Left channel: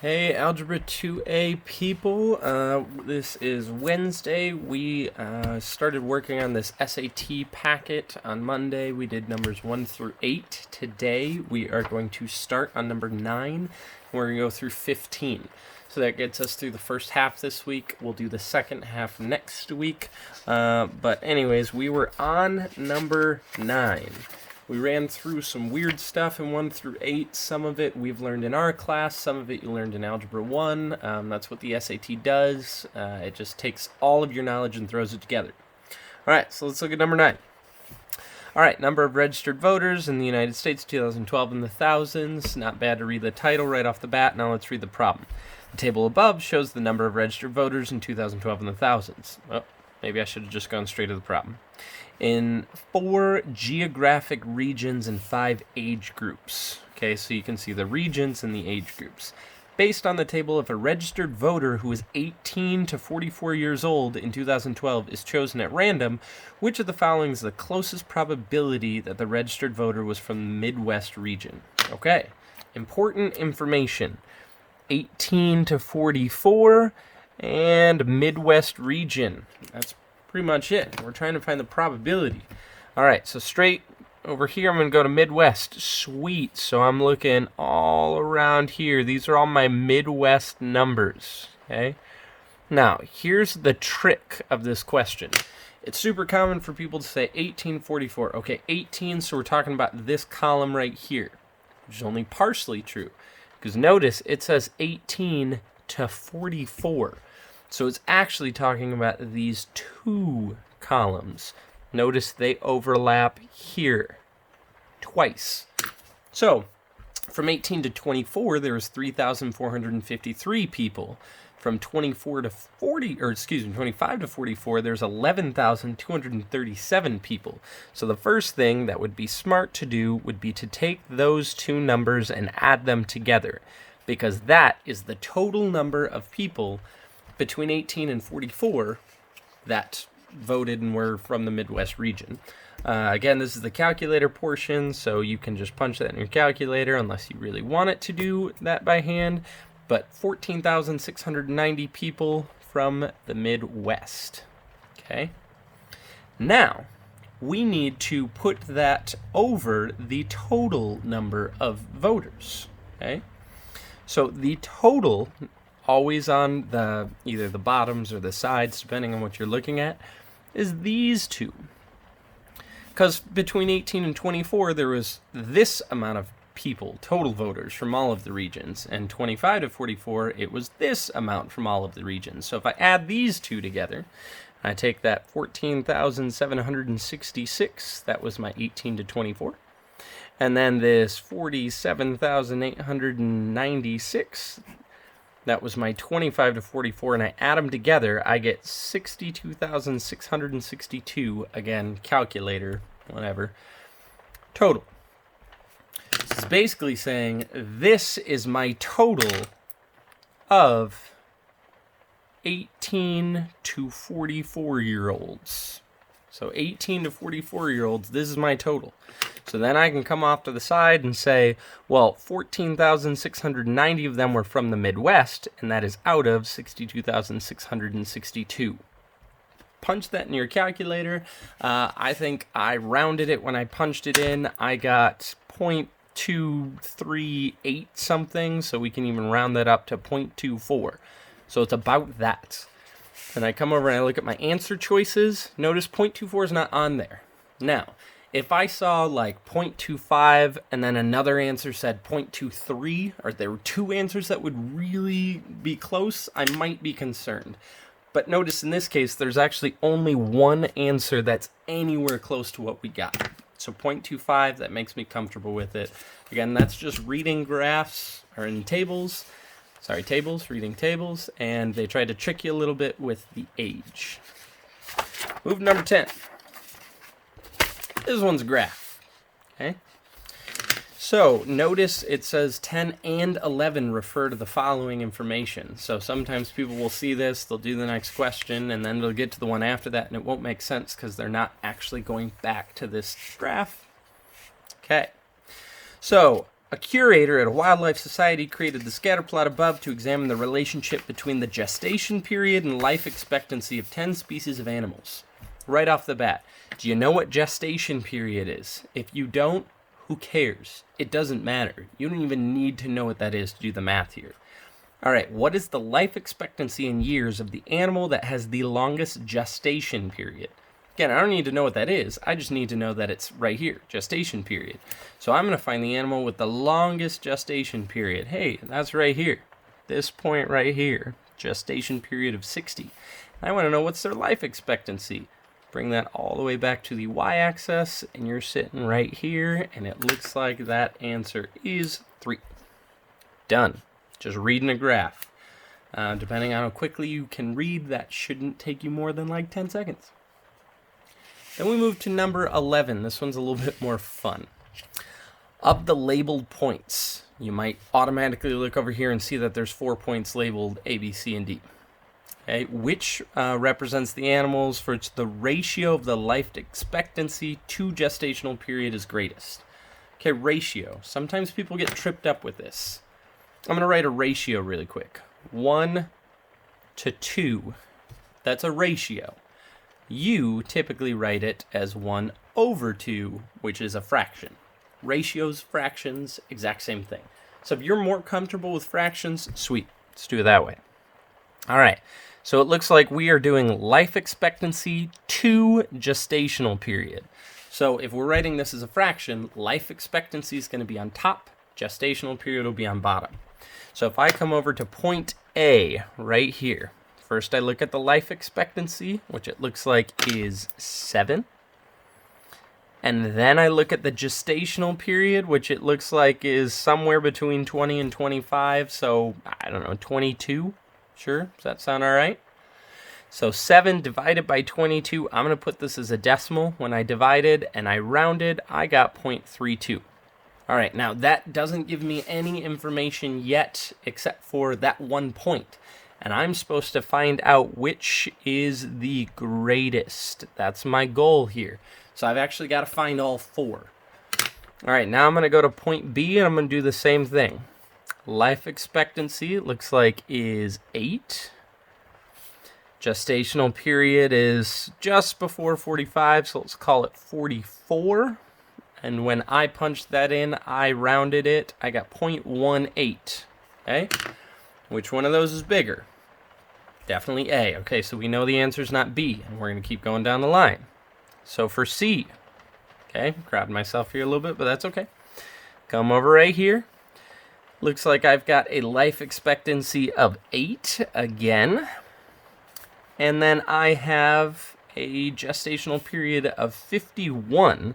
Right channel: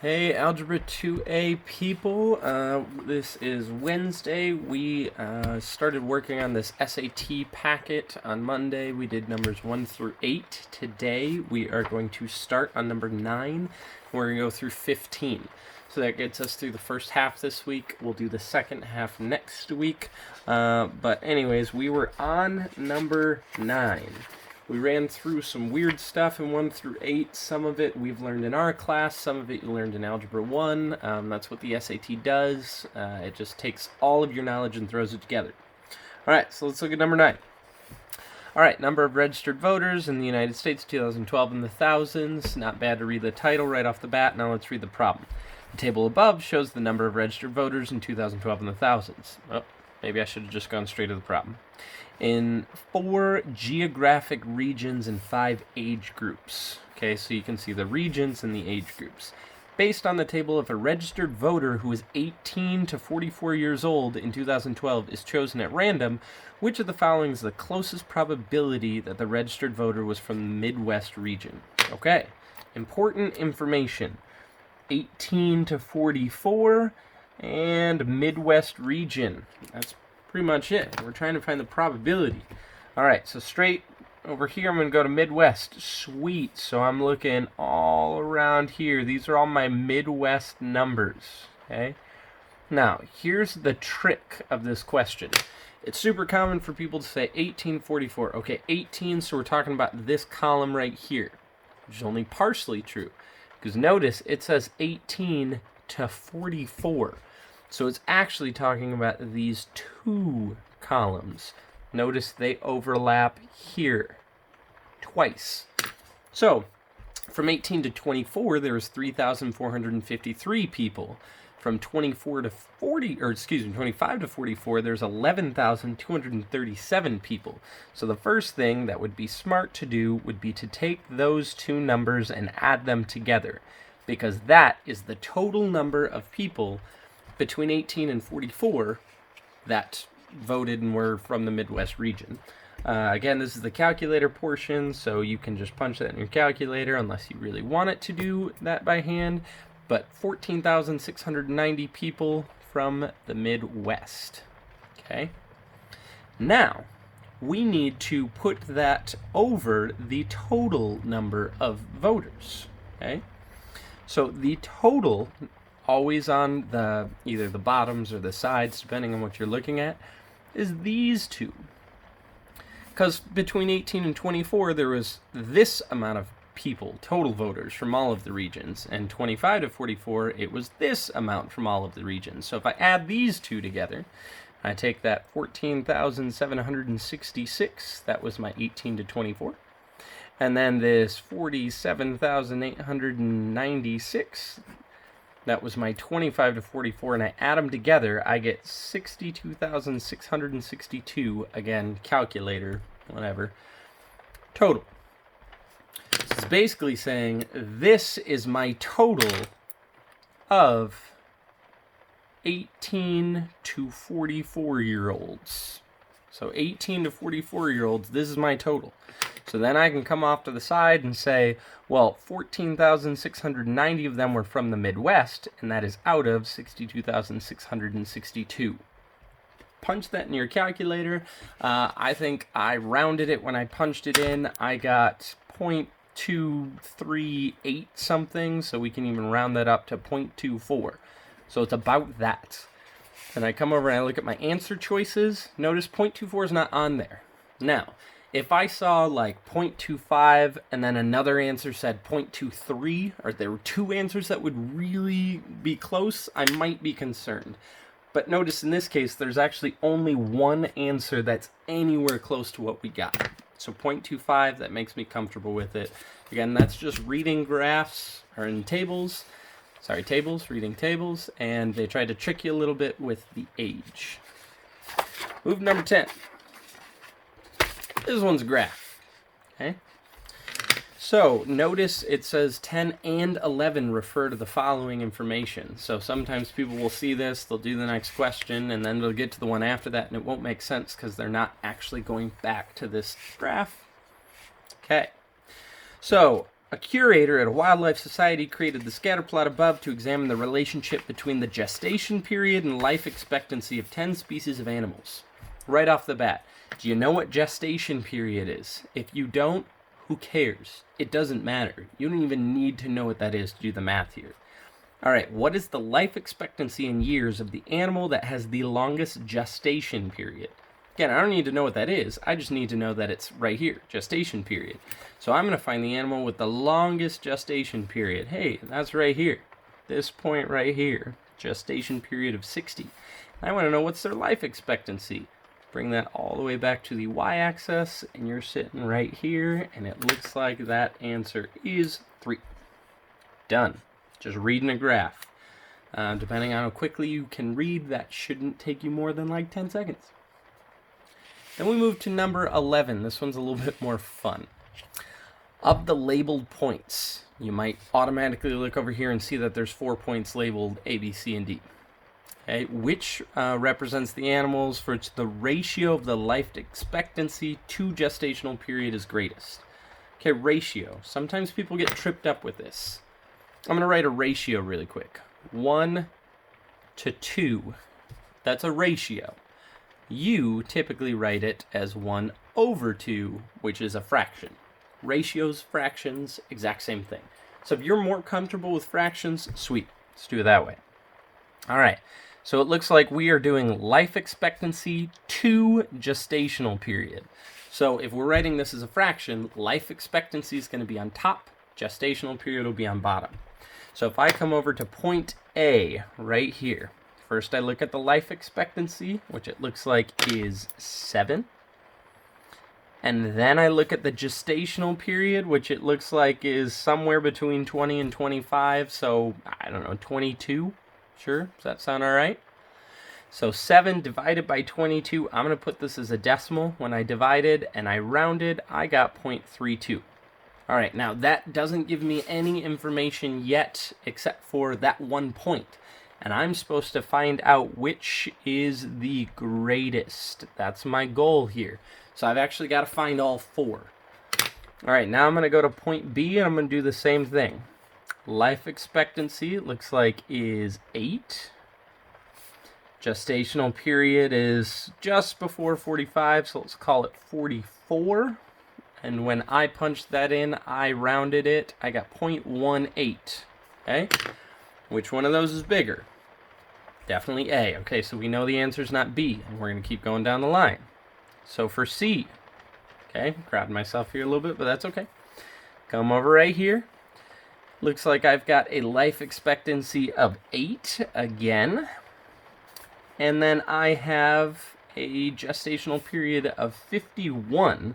Hey, Algebra 2A people. This is Wednesday. We started working on this SAT packet on Monday. We did numbers 1 through 8. Today, we are going to start on number 9, and we're going to go through 15. So that gets us through the first half this week. We'll do the second half next week. But anyways, we were on number 9. We ran through some weird stuff in 1 through 8. Some of it we've learned in our class. Some of it you learned in Algebra 1. That's what the SAT does. It just takes all of your knowledge and throws it together. All right, so let's look at number 9. All right, number of registered voters in the United States, 2012 in the thousands. Not bad to read the title right off the bat. Now let's read the problem. The table above shows the number of registered voters in 2012 in the thousands. Oh, maybe I should have just gone straight to the problem. In 4 geographic regions and 5 age groups. Okay, so you can see the regions and the age groups. Based on the table, if a registered voter who is 18 to 44 years old in 2012 is chosen at random, which of the following is the closest probability that the registered voter was from the Midwest region? Okay, important information. 18 to 44 and Midwest region. That's pretty much it. We're trying to find the probability. All right, so straight over here, I'm going to go to Midwest. Sweet. So I'm looking all around here. These are all my Midwest numbers, okay? Now, here's the trick of this question. It's super common for people to say 1844. Okay, 18, so we're talking about this column right here, which is only partially true. Because notice, it says 18 to 44. So it's actually talking about these 2 columns. Notice they overlap here twice. So from 18 to 24, there was 3,453 people. From 25 to 44, there's 11,237 people. So the first thing that would be smart to do would be to take those 2 numbers and add them together, because that is the total number of people between 18 and 44 that voted and were from the Midwest region. Again, this is the calculator portion, so you can just punch that in your calculator unless you really want it to do that by hand. But 14,690 people from the Midwest. Okay. Now, we need to put that over the total number of voters. Okay. So the total, always on the either the bottoms or the sides, depending on what you're looking at, is these 2. Because between 18 and 24, there was this amount of people, total voters from all of the regions, and 25 to 44, it was this amount from all of the regions. So if I add these 2 together, I take that 14,766, that was my 18 to 24, and then this 47,896, that was my 25 to 44, and I add them together, I get 62,662, again, calculator, whatever, total. This is basically saying this is my total of 18 to 44-year-olds. So 18 to 44-year-olds, this is my total. So then I can come off to the side and say, well, 14,690 of them were from the Midwest, and that is out of 62,662. Punch that in your calculator. I think I rounded it when I punched it in. I got 0.238 something, so we can even round that up to 0.24. So it's about that. And I come over and I look at my answer choices. Notice 0.24 is not on there. Now, if I saw like 0.25 and then another answer said 0.23, or there were 2 answers that would really be close, I might be concerned. But notice in this case, there's actually only 1 answer that's anywhere close to what we got. So 0.25, that makes me comfortable with it. Again, that's just reading graphs, or in tables. Sorry, tables, reading tables. And they tried to trick you a little bit with the age. Move number 10. This one's a graph. Okay. So notice it says 10 and 11 refer to the following information. So sometimes people will see this, they'll do the next question, and then they'll get to the one after that, and it won't make sense because they're not actually going back to this graph. Okay. So A curator at a wildlife society created the scatter plot above to examine the relationship between the gestation period and life expectancy of 10 species of animals. Right off the bat, do you know what gestation period is? If you don't, who cares? It doesn't matter. You don't even need to know what that is to do the math here. All right, what is the life expectancy in years of the animal that has the longest gestation period? Again, I don't need to know what that is. I just need to know that it's right here, gestation period. So I'm going to find the animal with the longest gestation period. Hey, that's right here. This point right here, gestation period of 60. I want to know what's their life expectancy. Bring that all the way back to the y-axis, and you're sitting right here, and it looks like that answer is 3. Done. Just reading a graph. Depending on how quickly you can read, that shouldn't take you more than like 10 seconds. Then we move to number 11. This one's a little bit more fun. Of the labeled points, you might automatically look over here and see that there's 4 points labeled A, B, C, and D. Okay, which represents the animals for which the ratio of the life expectancy to gestational period is greatest. Okay, ratio. Sometimes people get tripped up with this. I'm going to write a ratio really quick. 1 to 2. That's a ratio. You typically write it as 1 over 2, which is a fraction. Ratios, fractions, exact same thing. So if you're more comfortable with fractions, sweet. Let's do it that way. All right. So it looks like we are doing life expectancy to gestational period. So if we're writing this as a fraction, life expectancy is going to be on top, gestational period will be on bottom. So if I come over to point A right here, first I look at the life expectancy, which it looks like is 7. And then I look at the gestational period, which it looks like is somewhere between 20 and 25. So, I don't know, 22. Sure, does that sound all right? So 7 divided by 22, I'm going to put this as a decimal. When I divided and I rounded, I got 0.32. All right, now that doesn't give me any information yet except for that 1 point. And I'm supposed to find out which is the greatest. That's my goal here. So I've actually got to find all 4. All right, now I'm going to go to point B and I'm going to do the same thing. Life expectancy, it looks like, is 8. Gestational period is just before 45, so let's call it 44. And when I punched that in, I rounded it. I got 0.18. Okay? Which one of those is bigger? Definitely A. Okay, so we know the answer is not B, and we're going to keep going down the line. So for C, okay, crowding myself here a little bit, but that's okay. Come over right here. Looks like I've got a life expectancy of 8 again. And then I have a gestational period of 51.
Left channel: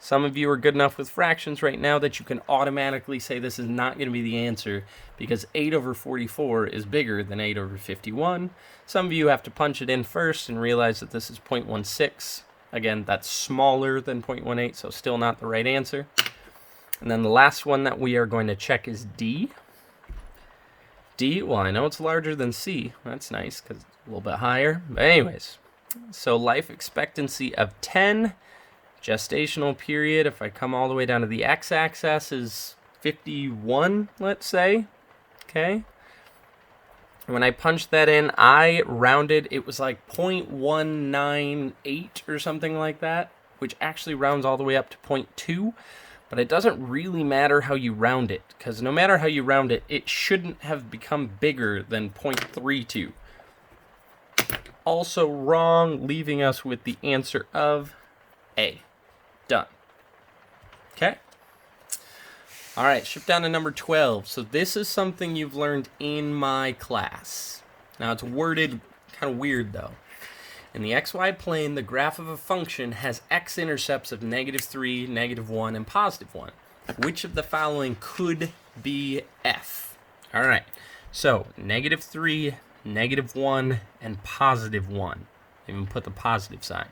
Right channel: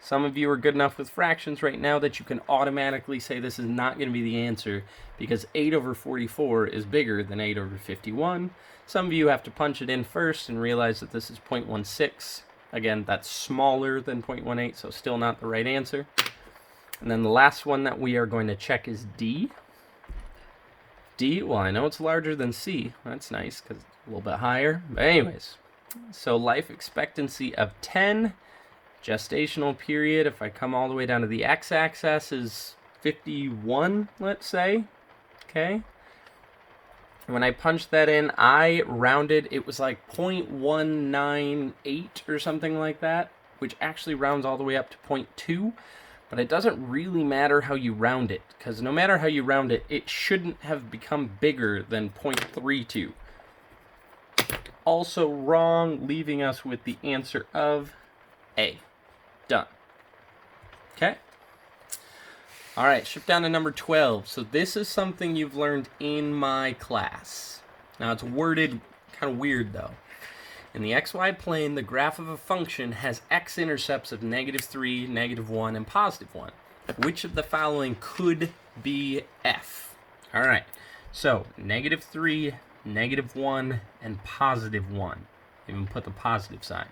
Some of you are good enough with fractions right now that you can automatically say this is not going to be the answer because 8 over 44 is bigger than 8 over 51. Some of you have to punch it in first and realize that this is 0.16. Again, that's smaller than 0.18, so still not the right answer. And then the last one that we are going to check is D. D, well, I know it's larger than C. That's nice because it's a little bit higher. But anyways, so life expectancy of 10. Gestational period, if I come all the way down to the x-axis, is 51, let's say. Okay. When I punched that in, I rounded, it was like 0.198 or something like that, which actually rounds all the way up to 0.2. But it doesn't really matter how you round it, because no matter how you round it, it shouldn't have become bigger than 0.32. Also wrong, leaving us with the answer of A. Done. Okay. All right, shift down to number 12. So this is something you've learned in my class. Now it's worded kind of weird though. In the xy plane, the graph of a function has x-intercepts of -3, -1, and +1. Which of the following could be f? All right, so -3, -1, and +1. Even put the positive sign.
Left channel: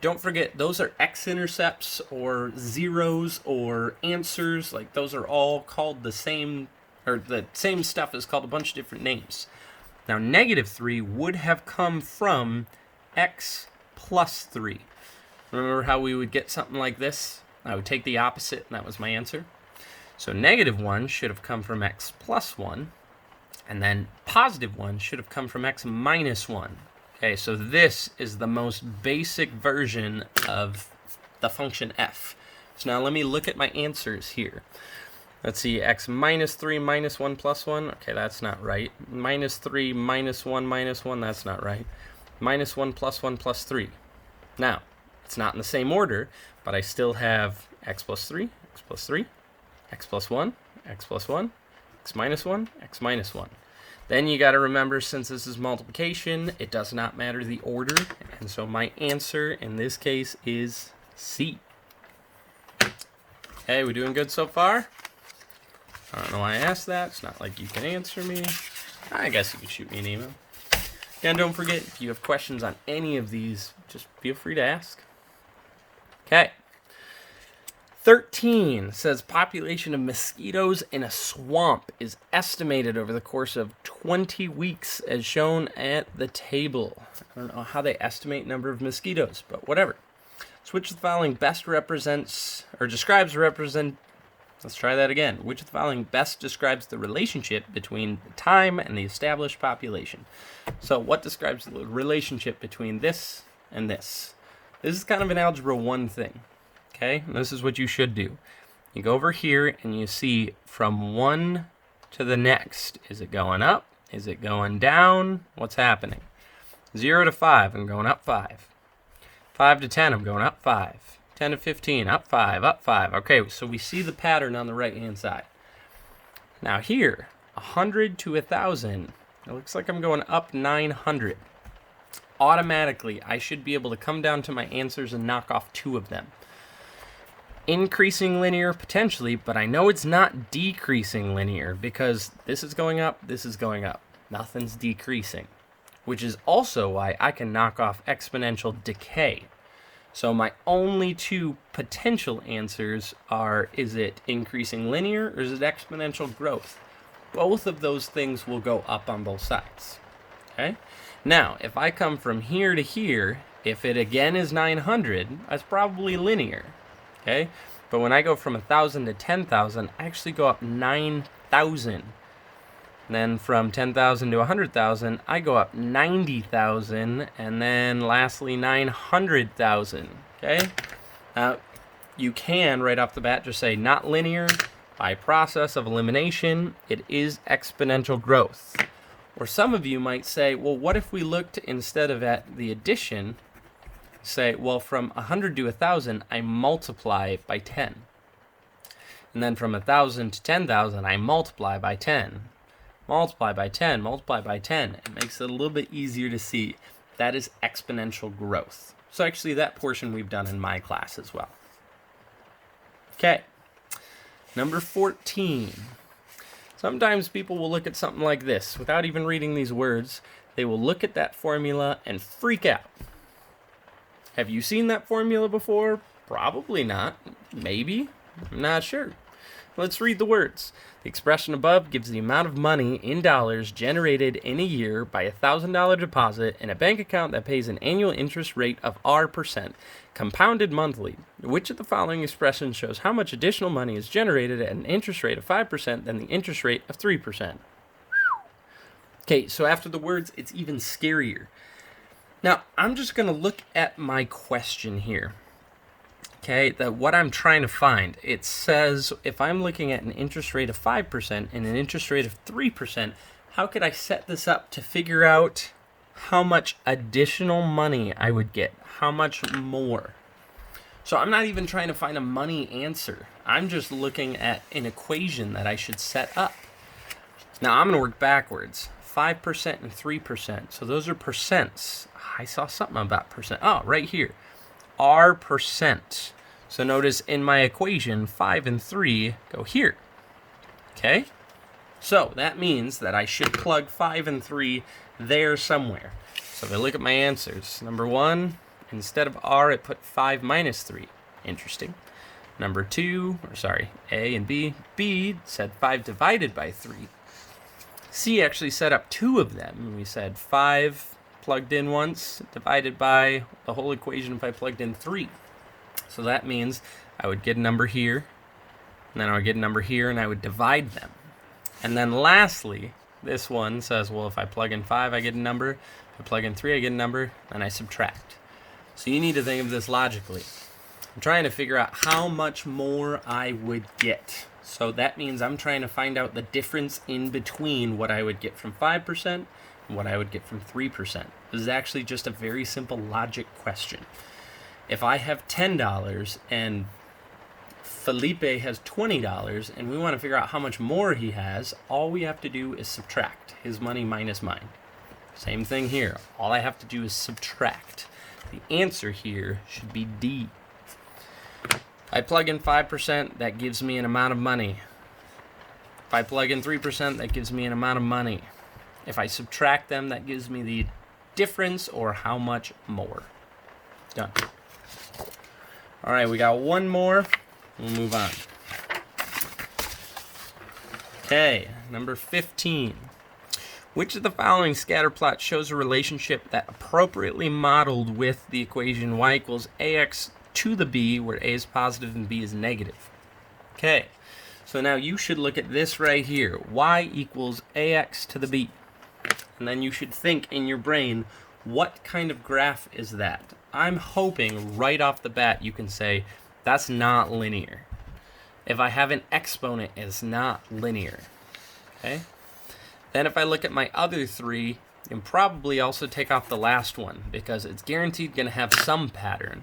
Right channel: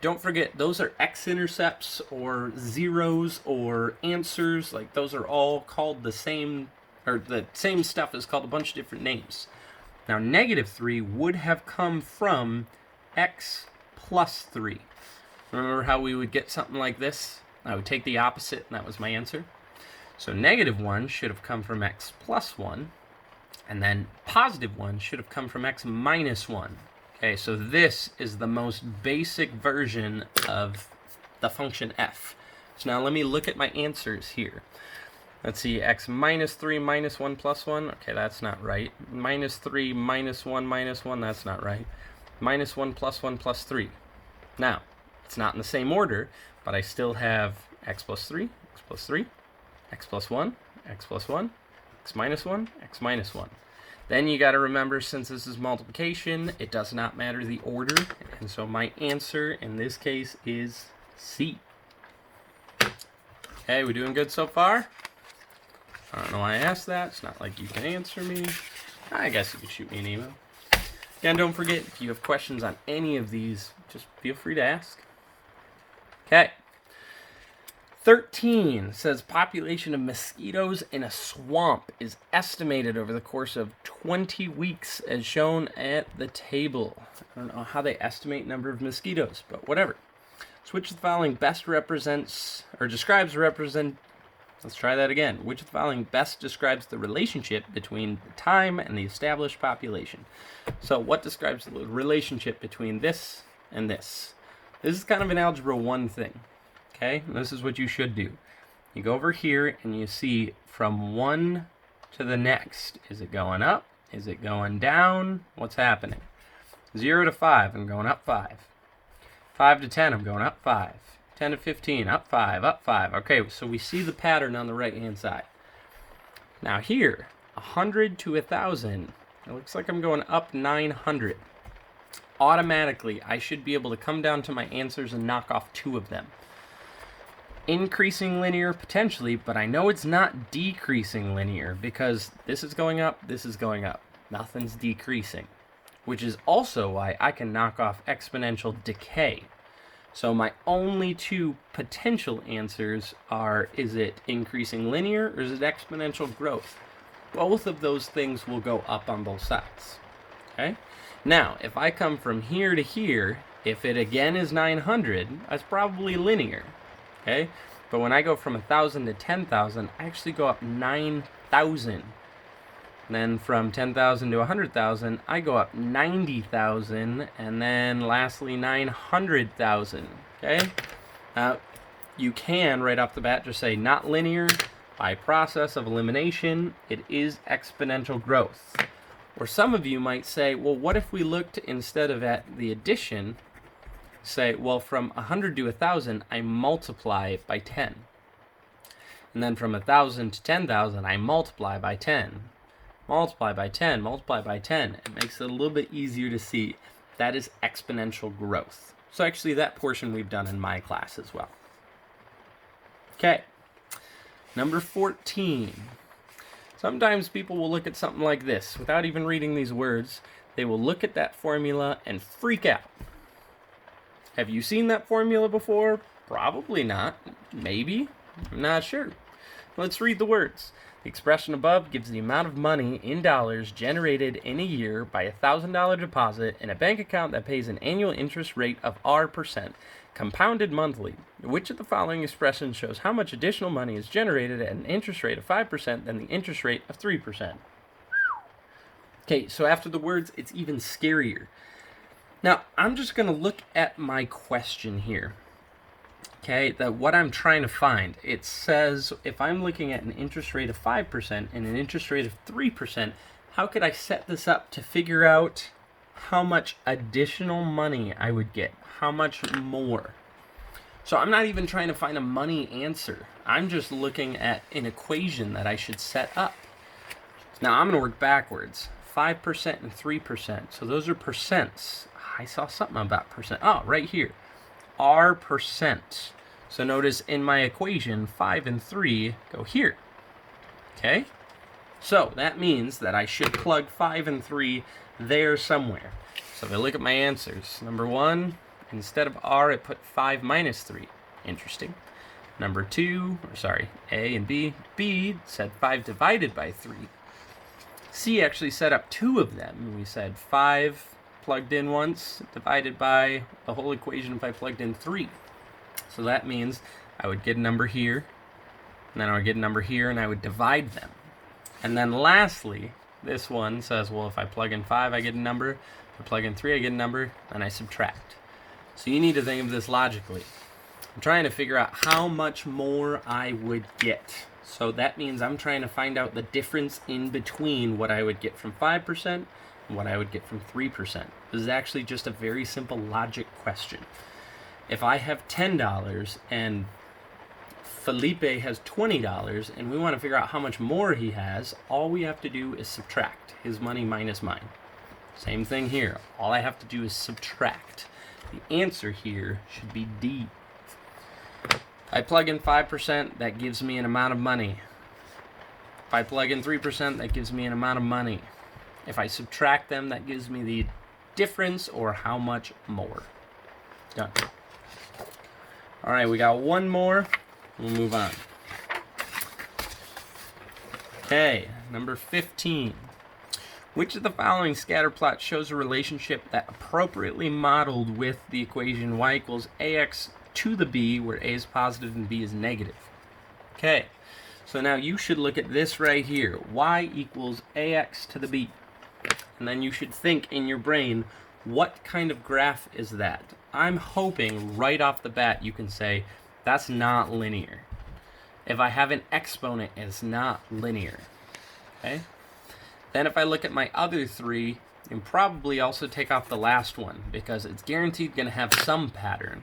Don't forget, those are x-intercepts or zeros or answers. Like, those are all called the same, or the same stuff is called a bunch of different names. Now, -3 would have come from x plus 3. Remember how we would get something like this? I would take the opposite, and that was my answer. So negative 1 should have come from x plus 1, and then positive 1 should have come from x minus 1. Okay, so this is the most basic version of the function f. So now let me look at my answers here. Let's see, x minus 3 minus 1 plus 1. Okay, that's not right. Minus 3 minus 1 minus 1, that's not right. Minus 1 plus 3. Now, it's not in the same order, but I still have x plus 3, x plus 3, x plus 1, x plus 1, x minus 1, x minus 1. Then you got to remember, since this is multiplication, it does not matter the order, and so my answer in this case is C. Okay, we doing good so far? I don't know why I asked that. It's not like you can answer me. I guess you can shoot me an email. And don't forget, if you have questions on any of these, just feel free to ask. Okay. 13 says population of mosquitoes in a swamp is estimated over the course of 20 weeks as shown at the table. I don't know how they estimate number of mosquitoes, but whatever. So which of the following best represents or describes let's try that again. Which of the following best describes the relationship between time and the established population? So what describes the relationship between this and this? This is kind of an Algebra 1 thing. Okay, and this is what you should do. You go over here and you see from one to the next. Is it going up? Is it going down? What's happening? 0 to 5, I'm going up 5. 5 to 10, I'm going up 5. 10 to 15, up 5, up 5. Okay, so we see the pattern on the right-hand side. Now here, 100 to 1,000, it looks like I'm going up 900. Automatically, I should be able to come down to my answers and knock off 2 of them. Increasing linear, potentially, but I know it's not decreasing linear because this is going up, this is going up. Nothing's decreasing, which is also why I can knock off exponential decay. So my only 2 potential answers are, is it increasing linear or is it exponential growth? Both of those things will go up on both sides. Okay? Now, if I come from here to here, if it again is 900, that's probably linear. Okay? But when I go from 1,000 to 10,000, I actually go up 9,000. And then from 10,000 to 100,000, I go up 90,000. And then lastly, 900,000. Okay? You can, right off the bat, just say not linear. By process of elimination, it is exponential growth. Or some of you might say, well, what if we looked instead of at the addition, say, well, from 100 to 1,000, I multiply by 10. And then from 1,000 to 10,000, I multiply by 10. Multiply by 10, multiply by 10. It makes it a little bit easier to see. That is exponential growth. So actually, that portion we've done in my class as well. Okay. Number 14. Sometimes people will look at something like this. Without even reading these words, they will look at that formula and freak out. Have you seen that formula before? Probably not. Maybe. I'm not sure. Let's read the words. The expression above gives the amount of money in dollars generated in a year by a $1,000 deposit in a bank account that pays an annual interest rate of R%, compounded monthly. Which of the following expressions shows how much additional money is generated at an interest rate of 5% than the interest rate of 3%? Okay, so after the words, it's even scarier. Now, I'm just going to look at my question here. Okay, what I'm trying to find, it says if I'm looking at an interest rate of 5% and an interest rate of 3%, how could I set this up to figure out how much additional money I would get? How much more? So I'm not even trying to find a money answer. I'm just looking at an equation that I should set up. Now I'm going to work backwards. 5% and 3%. So those are percents. I saw something about percent. Oh, right here. R%. So notice in my equation, 5 and 3 go here. Okay? So that means that I should plug 5 and 3 there somewhere. So if I look at my answers, number 1, instead of R, I put 5 minus 3. Interesting. Number 2, A and B. B said 5 divided by 3. C actually set up 2 of them. We said 5 plugged in once, divided by the whole equation if I plugged in 3. So that means I would get a number here, And then I would get a number here, and I would divide them. And then lastly, this one says, well, if I plug in 5, I get a number. If I plug in 3, I get a number, and I subtract. So you need to think of this logically. I'm trying to figure out how much more I would get. So that means I'm trying to find out the difference in between what I would get from 5% and what I would get from 3%. This is actually just a very simple logic question. If I have $10 and Felipe has $20 and we want to figure out how much more he has, all we have to do is subtract his money minus mine. Same thing here. All I have to do is subtract. The answer here should be D. I plug in 5%, that gives me an amount of money. If I plug in 3%, that gives me an amount of money. If I subtract them, that gives me the difference or how much more. Done. All right, we got one more. We'll move on. Okay, number 15. Which of the following scatter plots shows a relationship that appropriately modeled with the equation y equals ax to the b, where a is positive and b is negative? Okay, so now you should look at this right here. Y equals ax to the b. And then you should think in your brain, what kind of graph is that? I'm hoping right off the bat you can say, that's not linear. If I have an exponent, it's not linear. Okay? Then if I look at my other three, you can probably also take off the last one, because it's guaranteed going to have some pattern.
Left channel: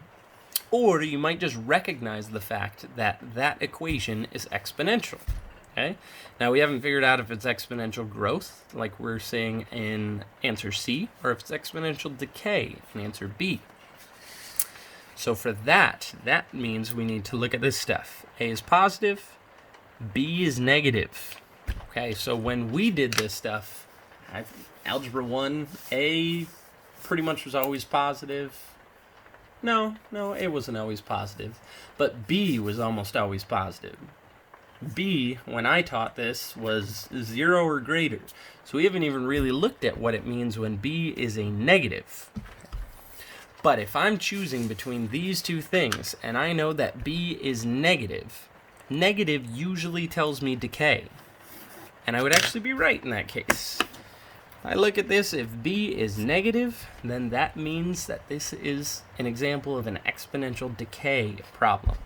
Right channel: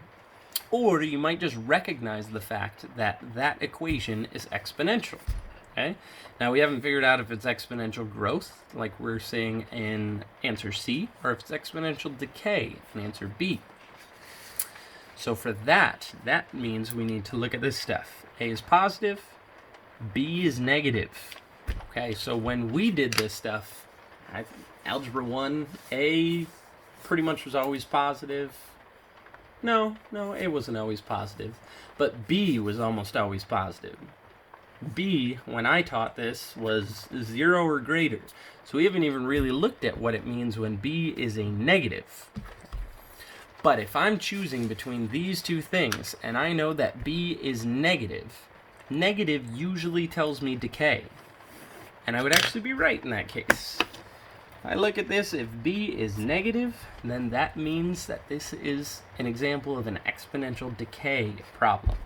Or you might just recognize the fact that that equation is exponential. Okay? Now we haven't figured out if it's exponential growth, like we're saying in answer C, or if it's exponential decay in answer B. So for that means we need to look at this stuff. A is positive, B is negative. Okay, so when we did this stuff, Algebra 1, A pretty much was always positive. No, A wasn't always positive. But B was almost always positive. B, when I taught this, was 0 or greater. So we haven't even really looked at what it means when B is a negative. But if I'm choosing between these two things, and I know that B is negative, negative usually tells me decay. And I would actually be right in that case. If I look at this, if B is negative, then that means that this is an example of an exponential decay problem.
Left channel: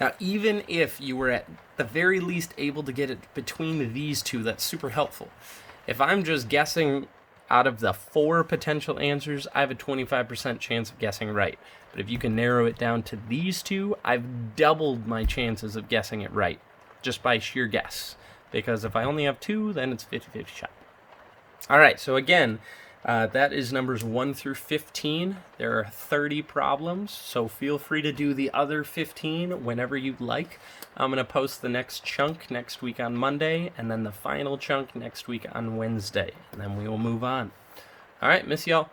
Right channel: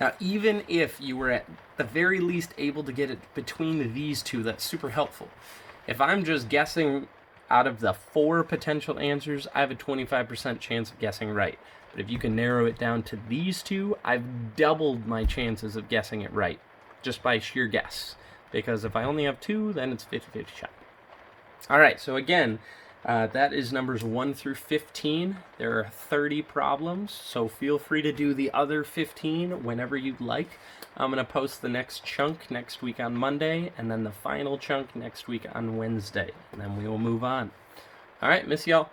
Now, even if you were at the very least able to get it between these two, that's super helpful. If I'm just guessing out of the 4 potential answers, I have a 25% chance of guessing right. But if you can narrow it down to these two, I've doubled my chances of guessing it right, just by sheer guess. Because if I only have 2, then it's 50-50 shot. All right, so again, that is numbers 1 through 15. There are 30 problems, so feel free to do the other 15 whenever you'd like. I'm going to post the next chunk next week on Monday, and then the final chunk next week on Wednesday, and then we will move on. All right, miss y'all.